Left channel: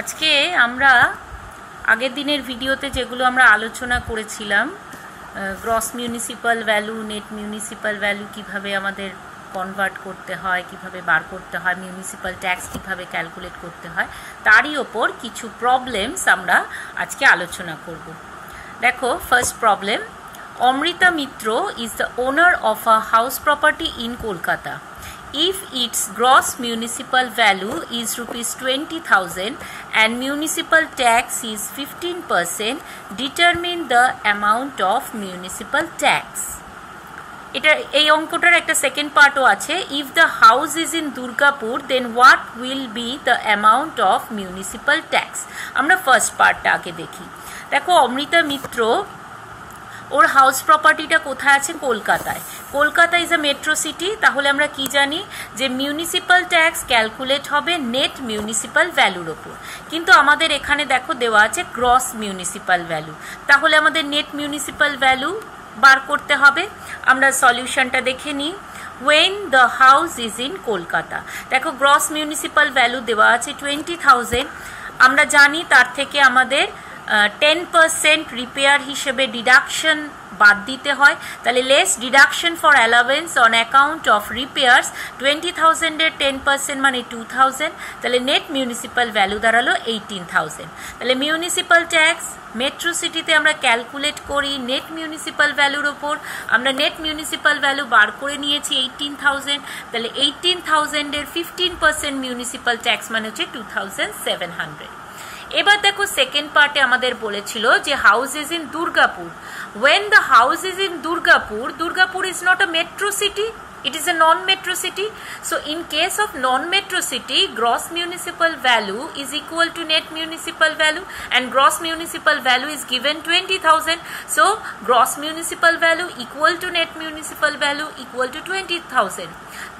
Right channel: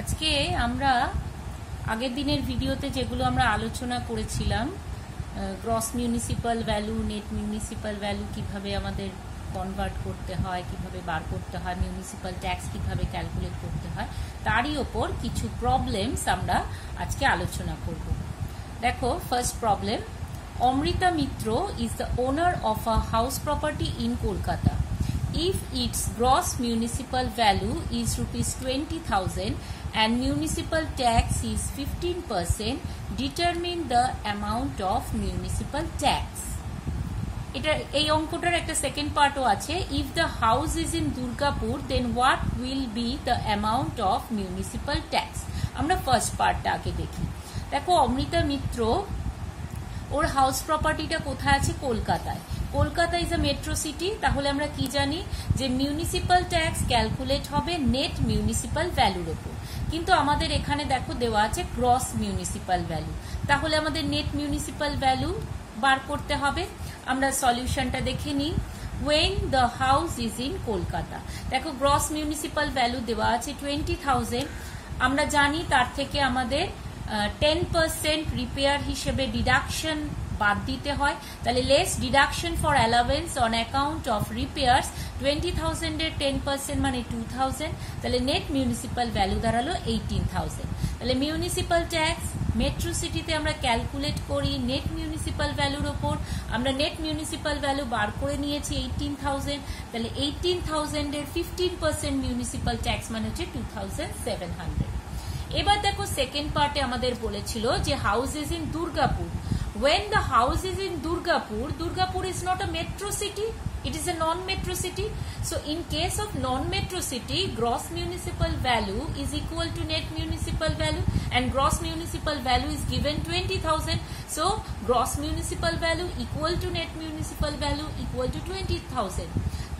আজকে আমরা আগের দিনের ভিডিওতে যেগুলো আমরা আলোচনা করেছিলাম gross municipal value, net municipal value কিভাবে আমাদের কনভার্ট করতে হয়, কিভাবে বার করতে হয়, মিউনিসিপাল ট্যাক্স কিভাবে ক্যালকুলেট করতে হয়, তারই ওপর কিছু প্রবলেমস আমরা আজকে আলোচনা করব। দেখো, first problem, Amrita Mitra is the owner of a house property in Kolkata. If its gross municipal value is rupees 20,000 and municipal tax is 15%, determine the amount of municipal tax. এটা এই অঙ্কটার একটা সেকেন্ড পার্টও আছে। If the house is in Durgapur, then what will be the amount of municipal tax? আমরা first পার্টটা আগে দেখি। দেখো, অমৃতা মিত্র ওর house প্রপার্টিটা কোথায় আছে? কলকাতায়। Kolkata is a metro city. তাহলে আমরা কি জানি যে মিউনিসিপাল ট্যাক্স ক্যালকুলেট হবে নেট মিউনিসিপাল ভ্যালুর ওপর, কিন্তু আমাদের এখানে দেখো দেওয়া আছে গ্রস মিউনিসিপাল ভ্যালু। তাহলে আমাদের নেট মিউনিসিপাল ভ্যালু বার করতে হবে। আমরা সলিউশনটা দেখে নিই। when the house is in Kolkata, দেখো গ্রস মিউনিসিপাল ভ্যালু দেওয়া আছে 20,000। আমরা জানি তার থেকে আমাদের 10% রিপেয়ার হিসেবে ডিডাকশন বাদ দিতে হয়। তাহলে less deduction for allowance on account of repairs 20,000 এর 10% মানে 2,000। তাহলে নেট মিউনিসিপাল ভ্যালু দাঁড়ালো 18,000। তাহলে মিউনিসিপাল ট্যাক্স মেট্রো সিটিতে আমরা ক্যালকুলেট করি নেট মিউনিসিপাল ভ্যালুর ওপর। আমরা নেট মিউনিসিপাল ভ্যালু বার করে নিয়েছি 18,000। তাহলে 18,000 এর 15% মিউনিসিপাল ট্যাক্স মানে হচ্ছে 2,700। এবার দেখো, সেকেন্ড পার্টে আমাদের বলেছিল যে house is in Durgapur. when the house is in Durgapur is not a metro city, it is a non-metro city. So in case of non-metro city, gross municipal value is equal to net municipal value, and gross municipal value is given 20,000. So gross municipal value equal to net municipal value equal to 20,000.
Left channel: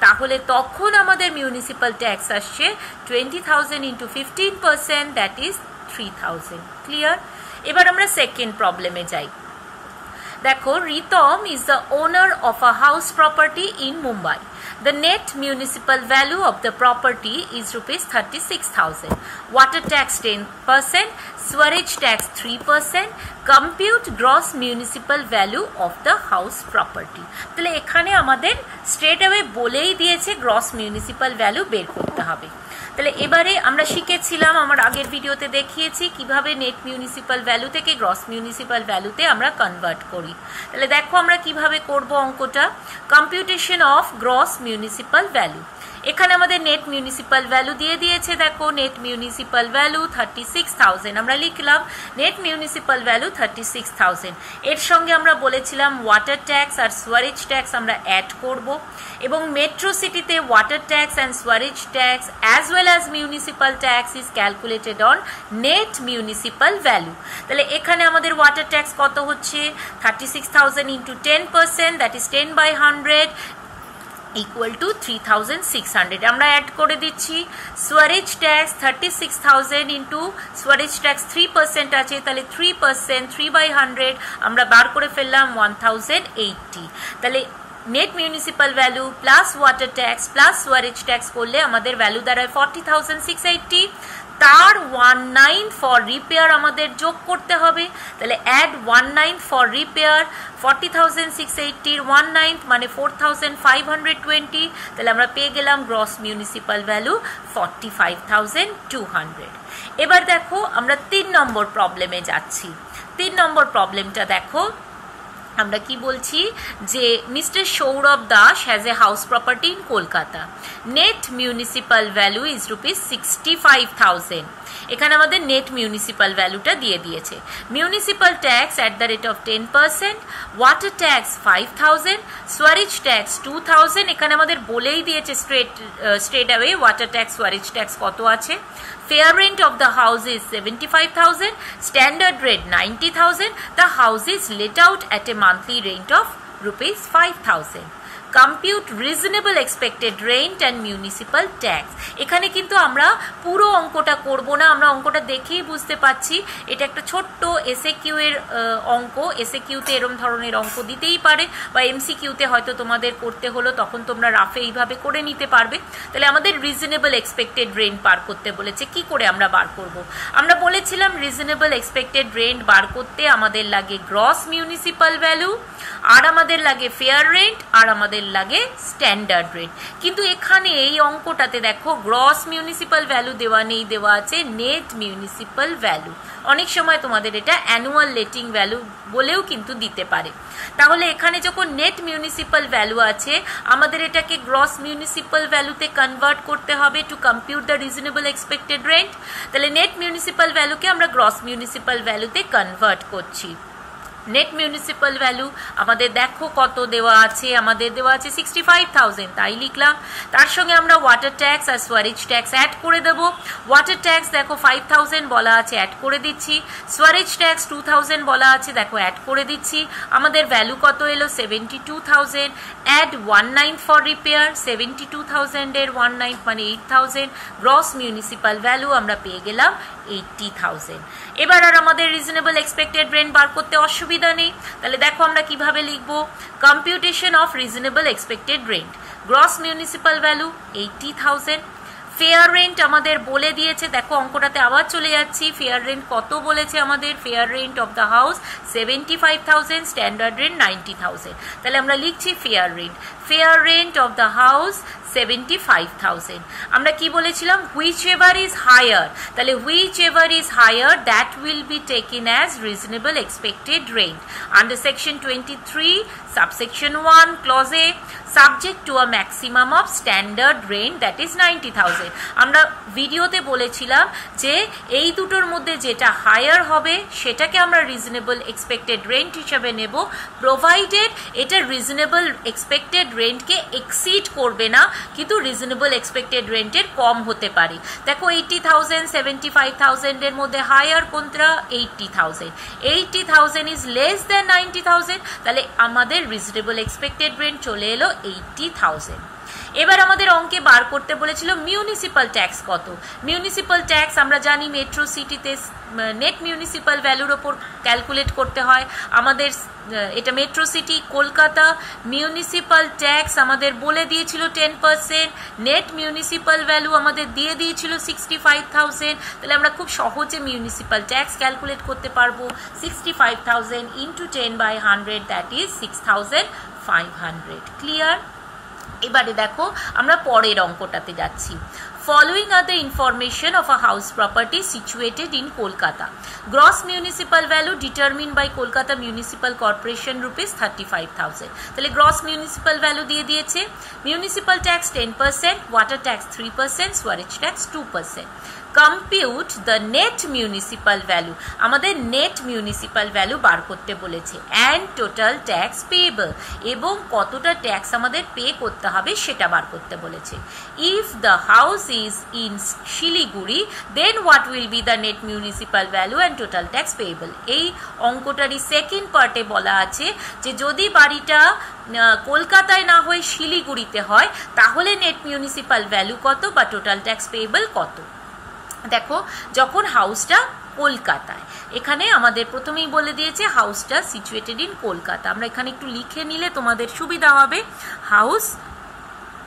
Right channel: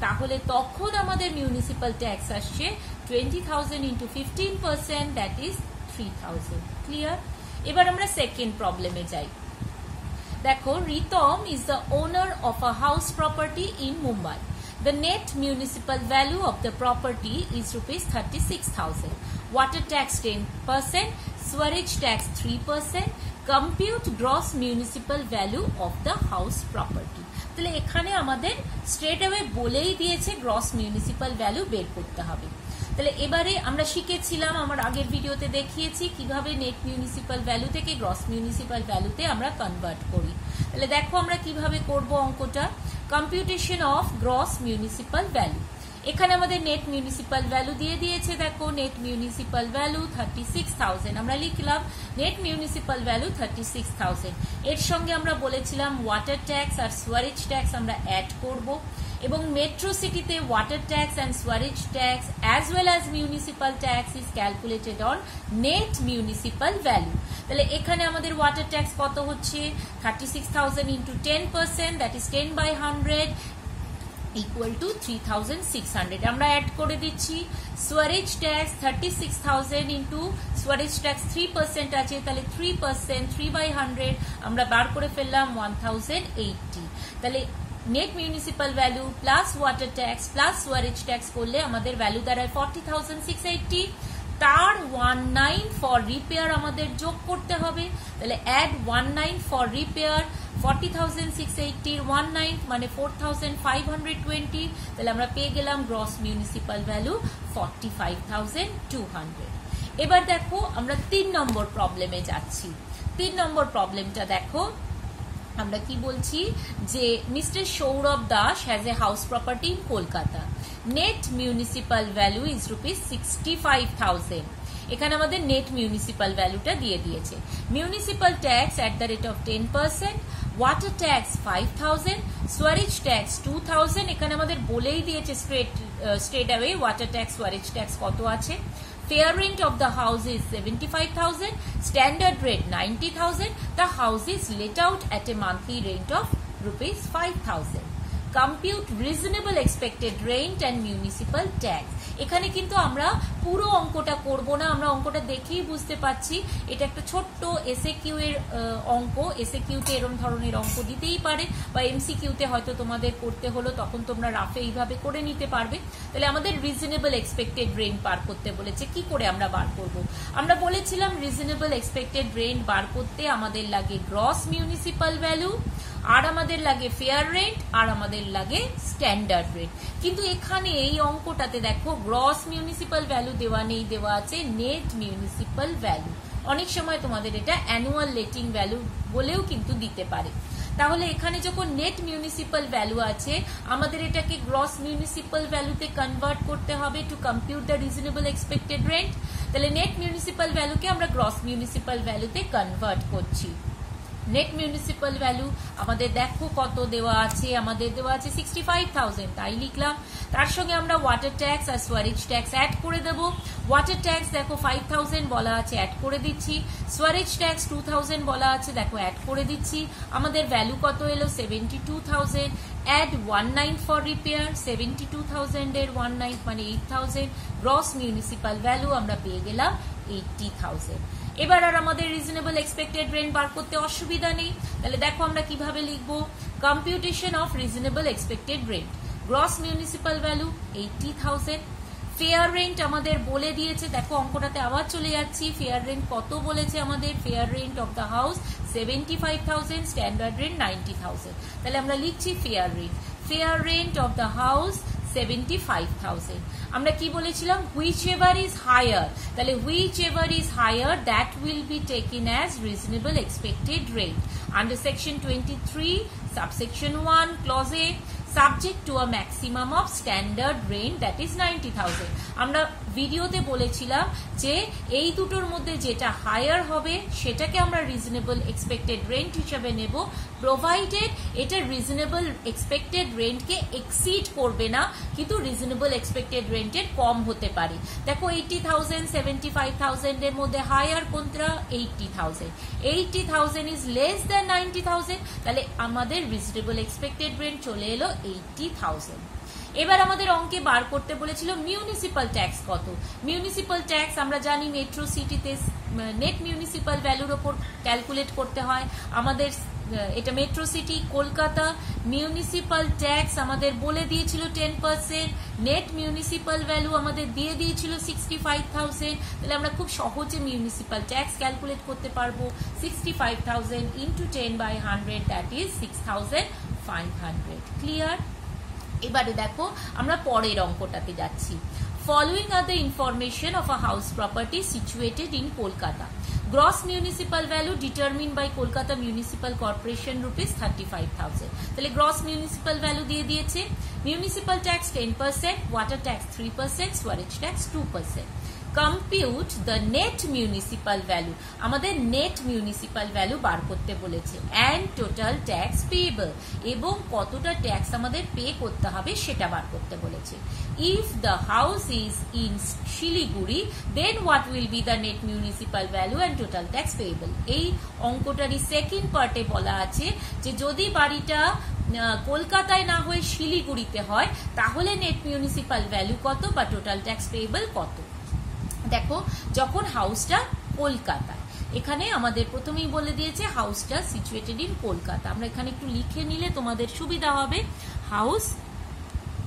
তাহলে তখন আমাদের municipal tax আসছে 20,000 into 15%, that is 3,000. Clear? এবার আমরা second প্রবলেমে যাই। দেখো, Ritam is the owner of a house property in Mumbai. The net municipal value of the property is rupees 36,000. Water tax 10%, sewage tax 3%. Compute gross municipal value of the house property. তাহলে এখানে আমাদের straight away বলেই দিয়েছে gross municipal value বের করতে হবে। তাহলে এবারে আমরা শিখেছিলাম, আমার আগের ভিডিওতে দেখিয়েছি কিভাবে নেট মিউনিসিপাল ভ্যালু থেকে গ্রস মিউনিসিপাল ভ্যালুতে আমরা কনভার্ট করি। তাহলে দেখো আমরা কিভাবে করব অঙ্কটা। Computation of gross municipal value, এখানে আমাদের নেট মিউনিসিপাল ভ্যালু দিয়ে দিয়েছে। দেখো, নেট মিউনিসিপাল ভ্যালু 36,000 আমরা লিখলাম। নেট মিউনিসিপাল ভ্যালু 36,000, এর সঙ্গে আমরা বলেছিলাম ওয়াটার ট্যাক্স আর সুয়ারেজ ট্যাক্স আমরা অ্যাড করব, এবং মেট্রো সিটিতে water tax and Suarez tax as well as municipal tax is calculated on net municipal value. তাহলে এখানে আমাদের ওয়াটার ট্যাক্স কত হচ্ছে? 36,000 into 10%, that is 10/100 equal to 3,600। আমরা অ্যাড করে দিচ্ছি Suarez tax 36,000 into Suarez tax 3% আছে, তাহলে 3%, 3/100 আমরা বার করে ফেললাম 1,080। তাহলে net municipal value plus water tax plus Suarez tax করলে আমাদের ভ্যালু দাঁড়ায় 40,680। তার 19 ফর রিপেয়ার আমাদের যোগ করতে হবে। তাহলে অ্যাড 19 ফর রিপেয়ার, 40,680 19 মানে 4,520। তাহলে আমরা পেয়ে গেলাম গ্রস মিউনিসিপাল ভ্যালু 45,200। এবার দেখো, আমরা 3 নম্বর প্রবলেমে যাচ্ছি। 3 নম্বর প্রবলেমটা দেখো, আমরা কি বলছি যে mister Sourav Das has a house property in Kolkata. Net municipal value is rupees 65,000। এখানে আমাদের নেট মিউনিসিপাল ভ্যালুটা দিয়ে দিয়েছে। Municipal tax at the rate of 10%, water tax 5,000, Suarez tax 2,000। এখানে আমাদের বলেই দিয়েছে straight away water tax Suarez tax কত আছে। Fair rent of the house is 75,000, standard rate 90,000. The house is let out at a monthly rent of rupees 5,000. Compute reasonable expected rent and municipal tax. এখানে কিন্তু আমরা পুরো অঙ্কটা করব না, আমরা অঙ্কটা দেখেই বুঝতে পারছি এটা একটা ছোট্ট এসএকিউ এর অঙ্ক। এসএকিউতে এরম ধরনের অঙ্ক দিতেই পারে, বা এমসিকিউতে হয়তো তোমাদের করতে হলো, তখন তোমরা রাফে এইভাবে করে নিতে পারবে। তাহলে আমাদের রিজনেবল এক্সপেক্টেড রেন্ট বার করতে বলেছে, কি করে আমরা বার করব? আমরা বলেছিলাম রিজনেবল এক্সপেক্টেড রেন্ট বার করতে আমাদের লাগে গ্রস মিউনিসিপ্যাল ভ্যালু, আর আমাদের লাগে ফেয়ার রেন্ট, আর আমাদের লাগে স্ট্যান্ডার্ড রেন্ট। কিন্তু এখানে এই অঙ্কটাতে দেখো গ্রস মিউনিসিপ্যাল ভ্যালু দেওয়া নেই, দেওয়া আছে নেট মিউনিসিপ্যাল ভ্যালু। অনেক সময় তোমাদের এটা অ্যানুয়াল লেটিং ভ্যালু বলেও কিন্তু দিতে পারে। তাহলে এখানে যখন নেট মিউনিসিপ্যাল ভ্যালু আছে, আমাদের এটাকে গ্রস মিউনিসিপ্যাল ভ্যালুতে কনভার্ট করতে হবে to compute the reasonable expected rent. তাহলে নেট মিউনিসিপ্যাল ভ্যালুকে আমরা গ্রস মিউনিসিপ্যাল ভ্যালুতে কনভার্ট করছি। নেট মিউনিসিপ্যাল ভ্যালু আমাদের দেখো কত দেওয়া আছে, আমাদের দেওয়া আছে 65,000, তাই লিখলাম। তার সঙ্গে আমরা ওয়াটার ট্যাক্স আর সোয়ারেজ ট্যাক্স অ্যাড করে দেব। ওয়াটার ট্যাক্স দেখো 5,000 বলা আছে, অ্যাড করে দিচ্ছি। সোয়ারেজ ট্যাক্স 2,000 বলা আছে, দেখো অ্যাড করে দিচ্ছি। আমাদের ভ্যালু কত এলো? 72,000। অ্যাড 19 ফর রিপেয়ার, 72,000 এর 19 মানে 8,000। গ্রস মিউনিসিপ্যাল ভ্যালু আমরা পেয়ে গেলাম 80,000। এবার আর আমাদের রিজনেবল এক্সপেক্টেড রেন্ট বার করতে অসুবিধা নেই। তাহলে দেখো আমরা কিভাবে লিখবো? Computation of reasonable expected rent, gross municipal value 80,000। Fair rent আমাদের বলে দিয়েছে, দেখো অঙ্কটাতে আবার চলে যাচ্ছি। ফেয়ার রেন্ট কত বলেছে আমাদের? Fair rent of the house 75,000, standard rent 90,000। তাহলে আমরা লিখছি fair rent. Fair rent of the house 75,000। আমরা কি বলেছিলাম? Whichever is higher. তাহলে whichever is higher that will be taken as reasonable expected rent under section 23 subsection 1 clause A, subject to a maximum of standard rent that is 90,000। আমরা ভিডিওতে বলেছিলাম যে এই দুটোর মধ্যে যেটা হায়ার হবে সেটাকে আমরা রিজনেবল এক্সপেক্টেড রেন্ট হিসেবে নেব, প্রোভাইডেড এটা রিজনেবল এক্সপেক্টেড রেন্টকে এক্সিড করবে না, কিন্তু রিজনেবল এক্সপেক্টেড রেন্টের কম হতে পারে। দেখো 80,000 75,000 এর মধ্যে হায়ার কোনটা? 80,000। 80,000 ইজ লেস দ্যান 90,000, তাহলে আমাদের রিজনেবল এক্সপেক্টেড রেন্ট চলে এলো 80,000। এবার আমাদের অঙ্কে বার করতে বলেছিল মিউনিসিপ্যাল ট্যাক্স কত। মিউনিসিপ্যাল ট্যাক্স আমরা জানি মেট্রো সিটিতে নেট মিউনিসিপ্যাল ভ্যালুর ওপর ক্যালকুলেট করতে হয়। আমাদের এটা metro city Kolkata, municipal tax আমাদের বলে দিয়েছিল 10%, নেট মিউনিসিপ্যাল ভ্যালু আমাদের দিয়ে দিয়েছিল 65,000। তাহলে আমরা খুব সহজে মিউনিসিপ্যাল ট্যাক্স ক্যালকুলেট করতে পারবো। 65,000 ইন্টু 10/100 দ্যাট ইজ 6,500। ক্লিয়ার? এবারে দেখো আমরা পরের অঙ্কটাতে যাচ্ছি। Following are the information of a house property situated in Kolkata. Gross municipal value determined by Kolkata Municipal Corporation rupees 35,000. তাহলে gross municipal value দিয়ে দিয়েছে। Municipal tax 10%, water tax 3%, sewage tax 2%. Compute the net municipal value. আমাদের net municipal value বার করতে বলেছে and total tax payable, এবং কতটা tax আমাদের pay করতে হবে সেটা বার করতে বলেছে। If the house is in Shiliguri, then what will be the net municipal value and total tax payable? এই অঙ্কটারই সেকেন্ড পার্টে বলা আছে যে যদি বাড়িটা কলকাতায় না হয়ে শিলিগুড়িতে হয় তাহলে নেট মিউনিসিপ্যাল ভ্যালু কত বা টোটাল ট্যাক্স পেয়েবল কত। দেখো যখন হাউসটা কলকাতায়, এখানে আমাদের প্রথমেই বলে দিয়েছে হাউসটা সিচুয়েটেড ইন কলকাতা। আমরা এখানে একটু লিখে নিলে তোমাদের সুবিধা হবে। House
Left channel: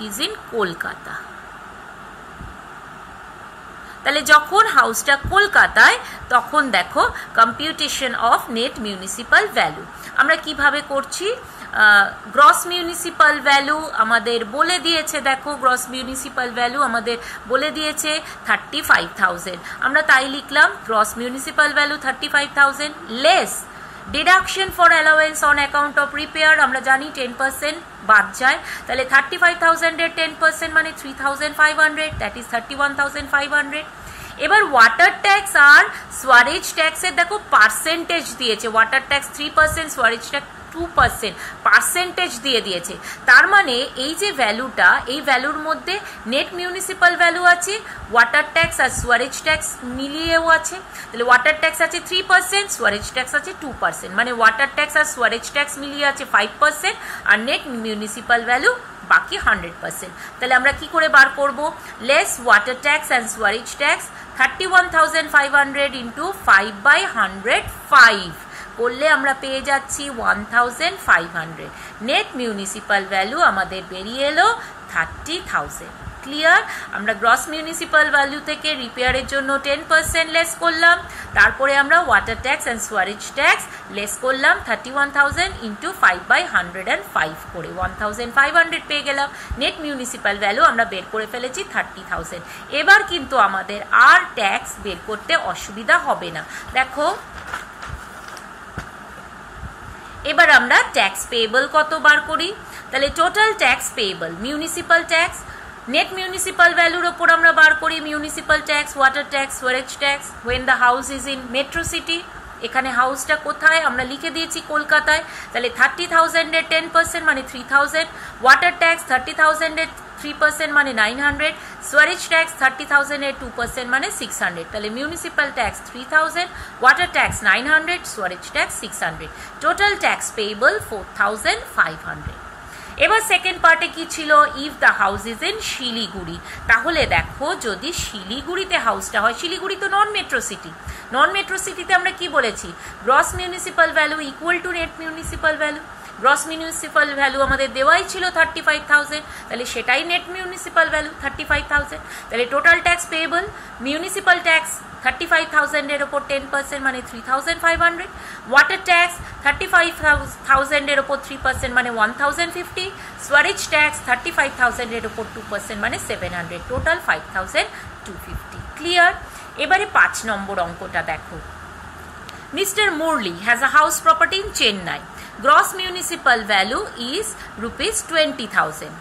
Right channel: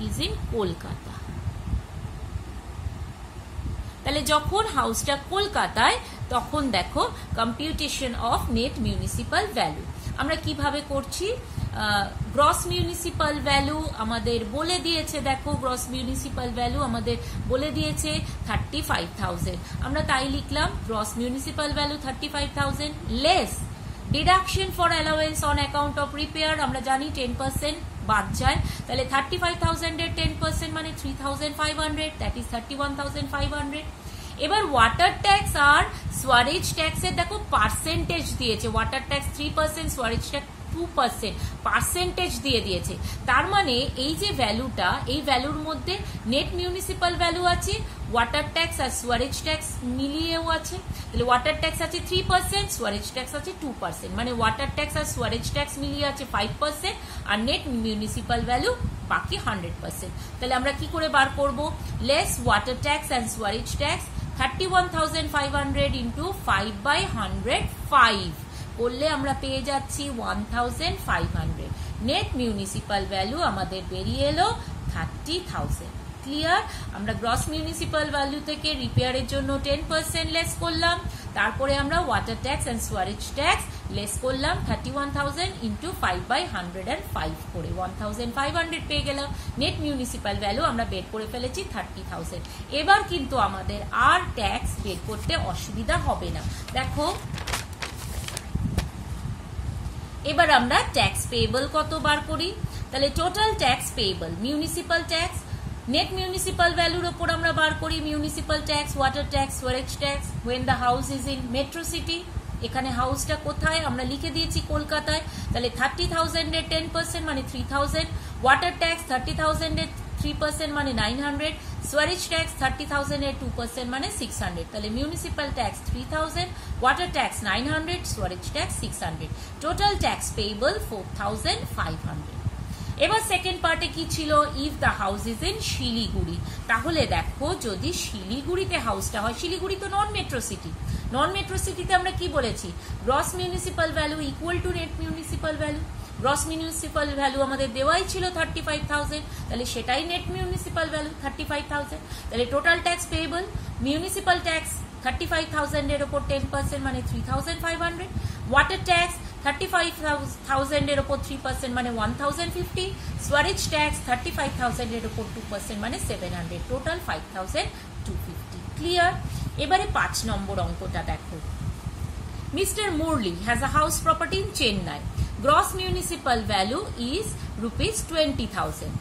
is in Kolkata. তাহলে যখন হাউসটা কলকাতায় তখন দেখো computation of net municipal value আমরা কিভাবে করছি। গ্রস মিউনিসিপ্যাল ভ্যালু আমাদের বলে দিয়েছে, দেখো গ্রস মিউনিসিপ্যাল ভ্যালু আমাদের বলে দিয়েছে 35,000। আমরা তাই লিখলাম gross municipal value 35,000 less deduction for allowance on account of repair, আমরা জানি 10% বাদ যায়। তাহলে 35,000 এর 10% মানে 3,500, দ্যাট ইজ 31,500। এবার ওয়াটার ট্যাক্স আর সোয়ারেজ ট্যাক্সের দেখো পার্সেন্টেজ দিয়েছে। Water tax 3%, sewerage tax 2% percentage দিয়ে দিয়েছে। তার মানে এই যে ভ্যালুটা, এই ভ্যালুর মধ্যে নেট মিউনিসিপাল ভ্যালু আছে, ওয়াটার ট্যাক্স আর সুয়ারেজ ট্যাক্স মিলিয়েও আছে। তাহলে ওয়াটার ট্যাক্স আছে 3%, সুয়ারেজ ট্যাক্স আছে 2%, মানে ওয়াটার ট্যাক্স আর সুয়ারেজ ট্যাক্স মিলিয়ে আছে 5% আর নেট মিউনিসিপাল ভ্যালু বাকি 100%। তাহলে আমরা কি করে বার করব? Less water tax and Suarez tax 31,500 into 5/105 করলে আমরা পেয়ে যাচ্ছি 1,500। নেট মিউনিসিপাল ভ্যালু আমাদের বেরিয়ে এলো 30,000। ক্লিয়ার? আমরা গ্রস মিউনিসিপাল ভ্যালু থেকে রিপেয়ারের জন্য 10% লেস করলাম, তারপরে আমরা water tax and Suarez tax less করলাম 31,000 ইন্টু 5/105 করে 1,500 পেয়ে গেলাম। নেট মিউনিসিপাল ভ্যালু আমরা বের করে ফেলেছি 30,000। এবার কিন্তু আমাদের আর ট্যাক্স বের করতে অসুবিধা হবে না। দেখো এবার আমরা ট্যাক্স পেয়েবল কত বার করি। তাহলে total tax payable, municipal tax, net municipal ভ্যালুর ওপর আমরা বার করি municipal tax, water tax, Suarez tax when the house is in metro city. এখানে হাউসটা কোথায় আমরা লিখে দিয়েছি কলকাতায়। তাহলে 30,000 এর 10% মানে 3,000, ওয়াটার ট্যাক্স 30,000 এর 3% মানে 900, সুয়ারেজ ট্যাক্স 30,000 এর 2% মানে 600। তাহলে municipal tax 3,000, water tax 900, Suarez tax 600, total tax payable 4,500। এবার সেকেন্ড পার্টে কি ছিল? If the house is in Siliguri. তাহলে দেখো যদি শিলিগুড়িতে হাউসটা হয়, শিলিগুড়ি তো নন মেট্রো সিটি, নন মেট্রো সিটিতে আমরা কি বলেছি? Gross municipal value equal to net municipal value. Gross municipal value আমাদের দেওয়াই ছিল 35,000, তাহলে সেটাই নেট মিউনিসিপাল ভ্যালু 35,000। তাহলে total tax payable, municipal tax 35,000 এর ওপর 10% মানে 3,500, ওয়াটার ট্যাক্স 35,000 এর ওপর 3% মানে 1,050, সুয়ারেজ ট্যাক্স 35,000 এর ওপর 2% মানে 700, টোটাল 5,250। ক্লিয়ার? এবারে 5 নম্বর অঙ্কটা দেখো। Mr. Murli has a house property in Chennai. Gross municipal value is ₹20,000.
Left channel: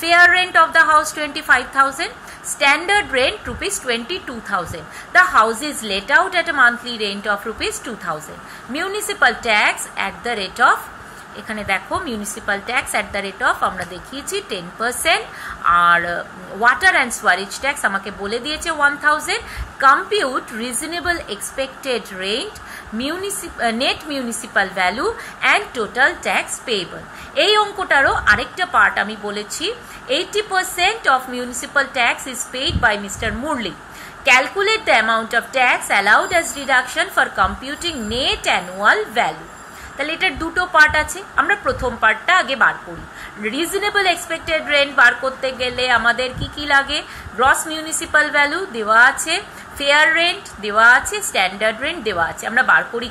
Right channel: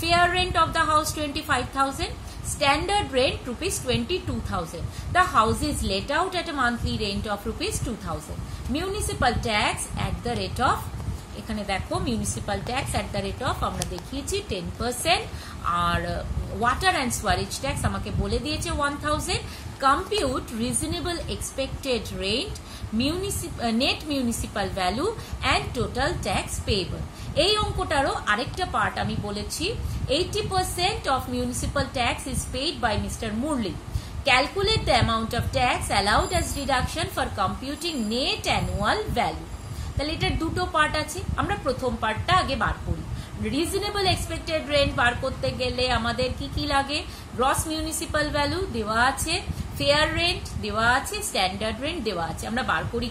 Fair rent of the house 25,000. Standard rent ₹22,000. The house is let out at a monthly rent of ₹2,000. Municipal tax at the rate of, এখানে দেখো municipal tax at the rate of আমরা দেখিয়েছি 10%, আর water and Suarez tax আমাকে বলে দিয়েছে 1,000। Compute reasonable expected rent, net municipal value and total tax payable. এই অঙ্কটারও আরেকটা part আমি বলেছি, 80% of municipal tax is paid by Mr. Murli. Calculate the amount of tax allowed as deduction for computing net annual value. তাহলে এটার দুটো part আছে, আমরা প্রথম পার্টটা আগে বার করি। রিজনেবল এক্সপেক্টেড রেন্ট বার করতে গেলে আমাদের কি কি লাগে? গ্রস মিউনিসিপাল ভ্যালু দেওয়া আছে, ফেয়ার রেন্ট দেওয়া আছে, স্ট্যান্ডার্ড রেন্ট দেওয়া আছে। আমরা বার করি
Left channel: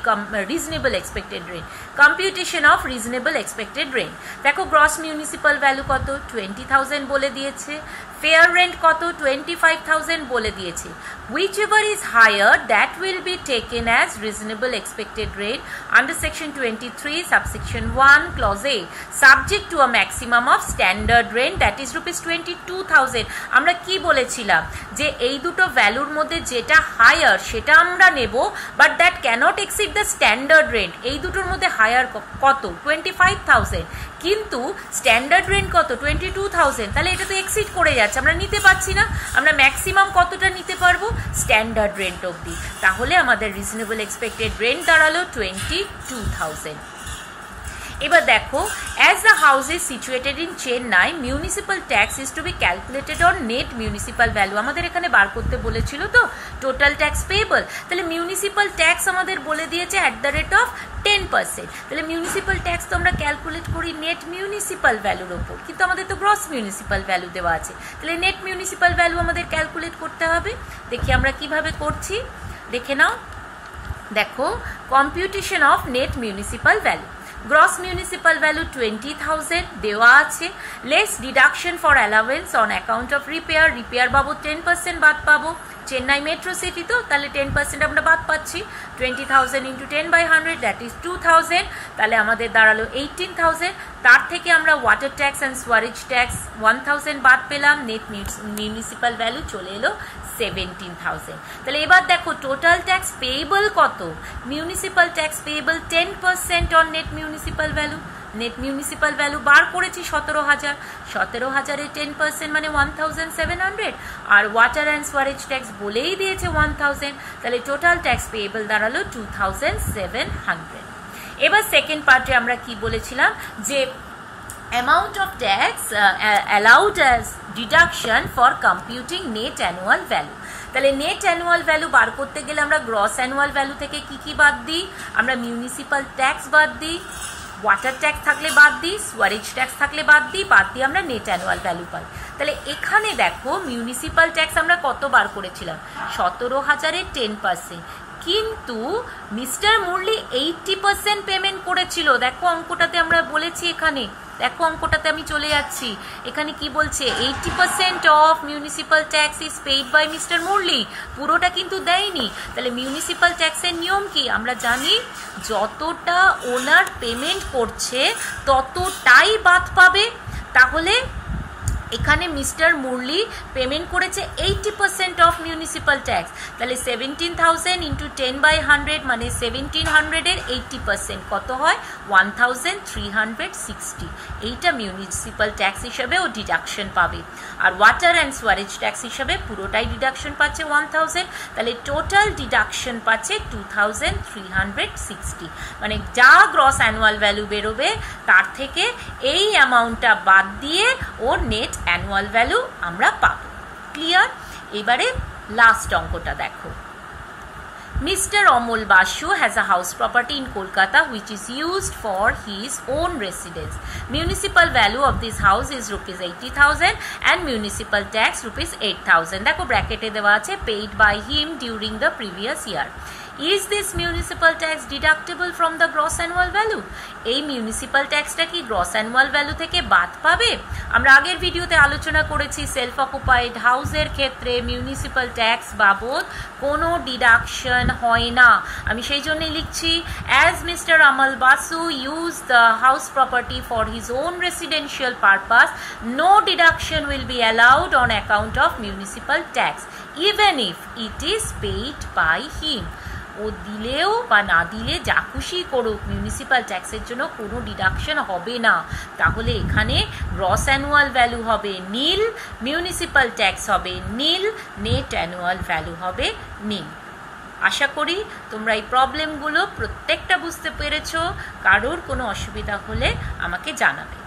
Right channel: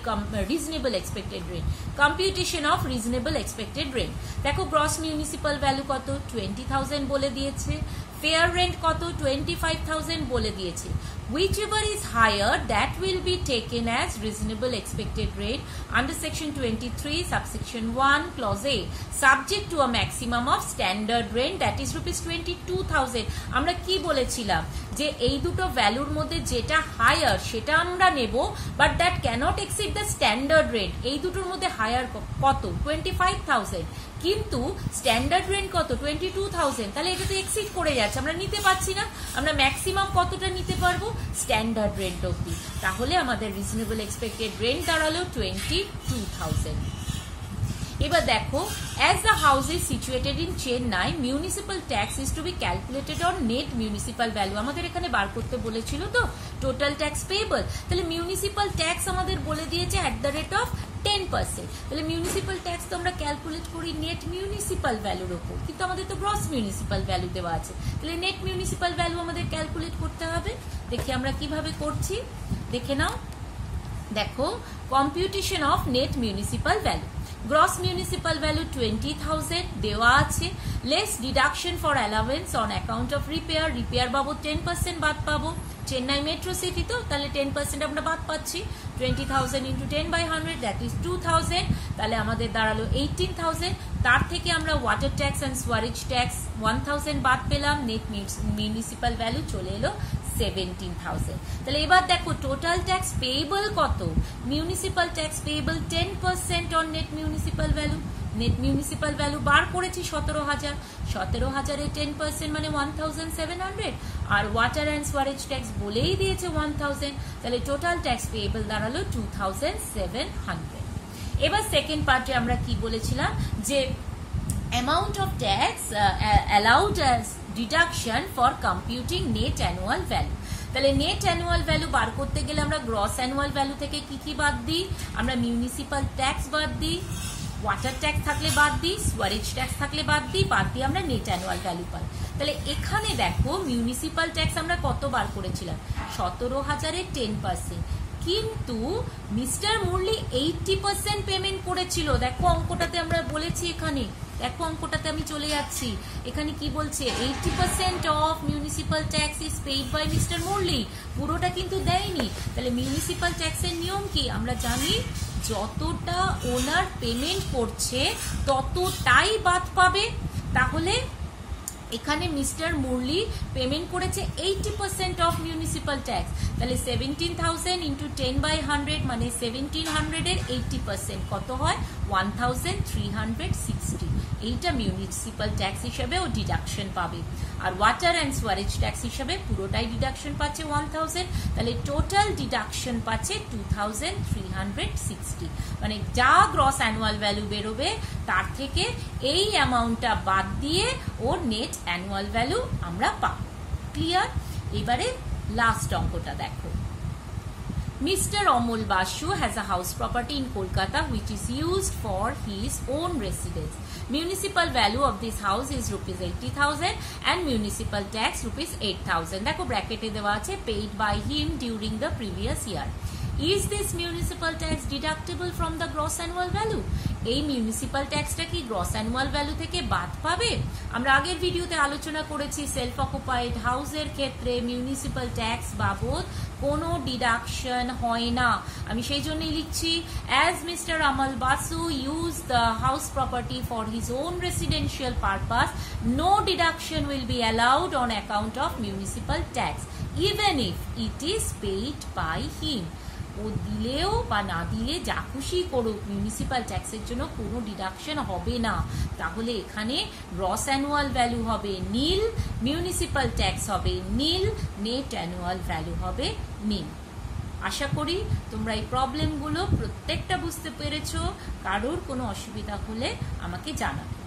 reasonable expected rent, computation of reasonable expected rent. দেখো গ্রস মিউনিসিপাল ভ্যালু কত? 20,000 বলে দিয়েছে। ফেয়ার রেন্ট কত? 25,000 বলে দিয়েছে। Whichever is higher, that will be taken as reasonable expected rate under section 23 subsection 1 clause A, subject to a maximum of standard rent that is ₹22,000. আমরা কি বলেছিলাম যে এই দুটো ভ্যালুর মধ্যে যেটা হায়ার সেটা আমরা নেব, but that cannot exceed the standard rent. এই দুটোর মধ্যে হায়ার কত? 25,000, কিন্তু স্ট্যান্ডার্ড রেন্ট কত? 22,000। তাহলে এটা তো এক্সিড করে যাচ্ছে, আমরা নিতে পারছি না। আমরা ম্যাক্সিমাম কতটা নিতে পারবো? স্ট্যান্ডার্ড রেন্ট অবধি। তাহলে আমাদের রিজনেবল এক্সপেক্টেড রেন্ট দাঁড়ালো 22,000। এবার দেখো, as the house is situated in Chennai, municipal tax is to be calculated on net municipal value. আমাদের এখানে বার করতে বলেছিল তো টোটাল ট্যাক্স পেয়েবল। তাহলে মিউনিসিপাল ট্যাক্স আমাদের বলে দিয়েছে অ্যাট দ্য রেট অফ 10%। তাহলে মিউনিসিপাল ট্যাক্স তো আমরা ক্যালকুলেট করি নেট মিউনিসিপাল ভ্যালুর ওপর, কিন্তু আমাদের তো গ্রস মিউনিসিপাল ভ্যালু দেওয়া আছে। তাহলে নেট মিউনিসিপাল ভ্যালু আমাদের ক্যালকুলেট করতে হবে। দেখি আমরা কিভাবে করছি, দেখে নাও। দেখো, computation of net municipal value. Gross municipal value 20,000 দেওয়া আছে, less deduction for allowance on account of repair, repair বাবদ 10% বাদ পাবো চেন্নাই মেট্রো সিটি তো, তাহলে 10% আমরা বাদ পাচ্ছি। 20,000 ইন্টু 10/100 দ্যাট ইজ 2,000, তাহলে আমাদের দাঁড়ালো 18,000। তার থেকে আমরা water tax and sewerage tax 1,000 বাদ পেলাম, নেট মিউনিসিপ্যাল ভ্যালু চলে এলো 17,000। তাহলে এবার দেখো টোটাল ট্যাক্স পেয়েবল কত। Municipal tax payable 10% on net municipal value. Net municipal value বার করেছি 17,000, 17,000-এর 10% মানে 1,700, আর ওয়াটার অ্যান্ড সোয়ারেজ ট্যাক্স বলেই দিয়েছে 1,000, তাহলে টোটাল ট্যাক্স পেয়েবল দাঁড়ালো 2,700। এবার সেকেন্ড পার্টে আমরা কি বলেছিলাম যে amount of tax allowed as deduction for computing net annual value। তাহলে নেট অ্যানুয়াল ভ্যালু বার করতে গেলে আমরা গ্রস অ্যানুয়াল ভ্যালু থেকে কি কি বাদ দিই, আমরা মিউনিসিপ্যাল ট্যাক্স বাদ দিই, ওয়াটার ট্যাক্স থাকলে বাদ দিই, সোয়ারেজ ট্যাক্স থাকলে বাদ দিই আমরা নেট অ্যানুয়াল ভ্যালু পাই। তাহলে এখানে দেখো মিউনিসিপ্যাল ট্যাক্স আমরা কত বার করেছিলাম, 17,000-এর 10%, কিন্তু মিস্টার মুরলি 80% পেমেন্ট করেছিল। দেখো অঙ্কটাতে আমরা বলেছি, এখানে দেখো অঙ্কটাতে আমি চলে যাচ্ছি, এখানে কি বলছে 80% of municipal tax is paid by Mr Murali, পুরোটা কিন্তু দেয়নি। তাহলে মিউনিসিপ্যাল ট্যাক্সের নিয়ম কি আমরা জানি, যতটা ওনার পেমেন্ট করছে ততটাই বাদ পাবে। তাহলে এখানে মিস্টার মুরলি পেমেন্ট করেছে 80% অফ মিউনিসিপ্যাল ট্যাক্স, তাহলে 17,000 ইন্টু 10/100 মানে 1700-এর 80% কত হয় 1,360। এইটা মিউনিসিপ্যাল ট্যাক্স হিসেবে ও ডিডাকশন পাবে। আর ওয়াটার অ্যান্ড সোয়ারেজ ট্যাক্স হিসেবে পুরোটাই ডিডাকশন পাচ্ছে 1,000, তাহলে টোটাল ডিডাকশন পাচ্ছে 2,360। মানে যা গ্রস অ্যানুয়াল ভ্যালু বেরোবে তার থেকে এই অ্যামাউন্টটা বাদ দিয়ে ওর নেট অ্যানুয়াল ভ্যালু আমরা পাবো। ক্লিয়ার? এবারে লাস্ট অঙ্কটা দেখো। Mr. Amol Basu has a house property in Kolkata which is used for his own residence. Municipal value of this house is rupees 80,000 and municipal tax rupees 8,000. দেখো ব্র্যাকেটে দেওয়া আছে paid by him during the previous year. Is this municipal tax deductible from the gross annual value? এই municipal ট্যাক্সটা কি gross annual value থেকে বাদ পাবে? আমরা আগের ভিডিওতে আলোচনা করেছি সেলফ অকুপাইড হাউসের ক্ষেত্রে মিউনিসিপ্যাল ট্যাক্স বাবদ কোনো ডিডাকশন হয় না। আমি সেই জন্যই লিখছি, as Mr Amal Basu use the house property for his own residential purpose, no deduction will be allowed on account of municipal tax even if it is paid by him. ও দিলেও বা না দিলে যা খুশি করুক মিউনিসিপ্যাল ট্যাক্সের জন্য কোনো ডিডাকশন হবে না। তাহলে এখানে গ্রস অ্যানুয়াল ভ্যালু হবে নীল, মিউনিসিপ্যাল ট্যাক্স হবে নীল, নেট অ্যানুয়াল ভ্যালু হবে নীল। আশা করি তোমরা এই প্রবলেমগুলো প্রত্যেকটা বুঝতে পেরেছো। কারোর কোনো অসুবিধা হলে আমাকে জানাবে।